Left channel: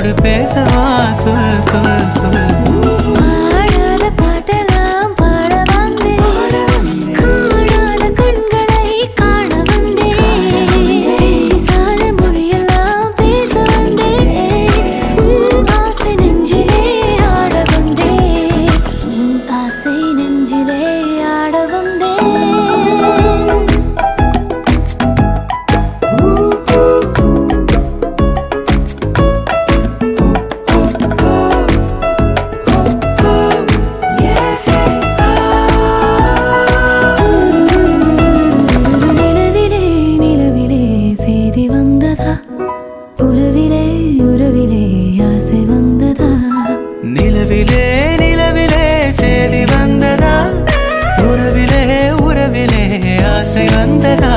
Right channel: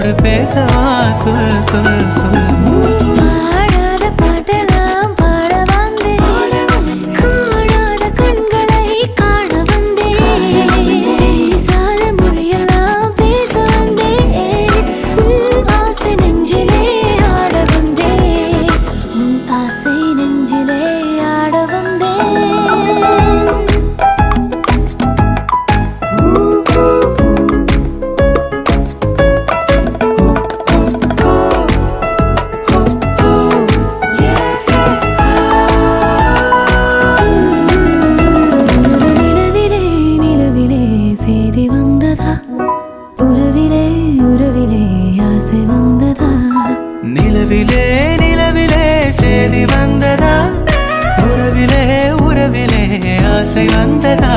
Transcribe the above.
உன்னோடு பேசவா சொல் சொல் சொல். பாடாத பாட்டெல்லாம் பாட வந்தேன், காணாத கண்களை காண வந்தேன், பேசாத மொழியெல்லாம் பேச வந்தேன், உன் ஆசை நெஞ்சிலே ஆட வந்தேன், உன் ஆசை நெஞ்சிலே ஆட வந்தேன். செய்தி வந்ததா உறவிலே உறவிலே ஆசை வந்ததா. நிலவிலே நிலவிலே செய்தி வந்ததா, உறவிலே உறவிலே ஆசை வந்ததா.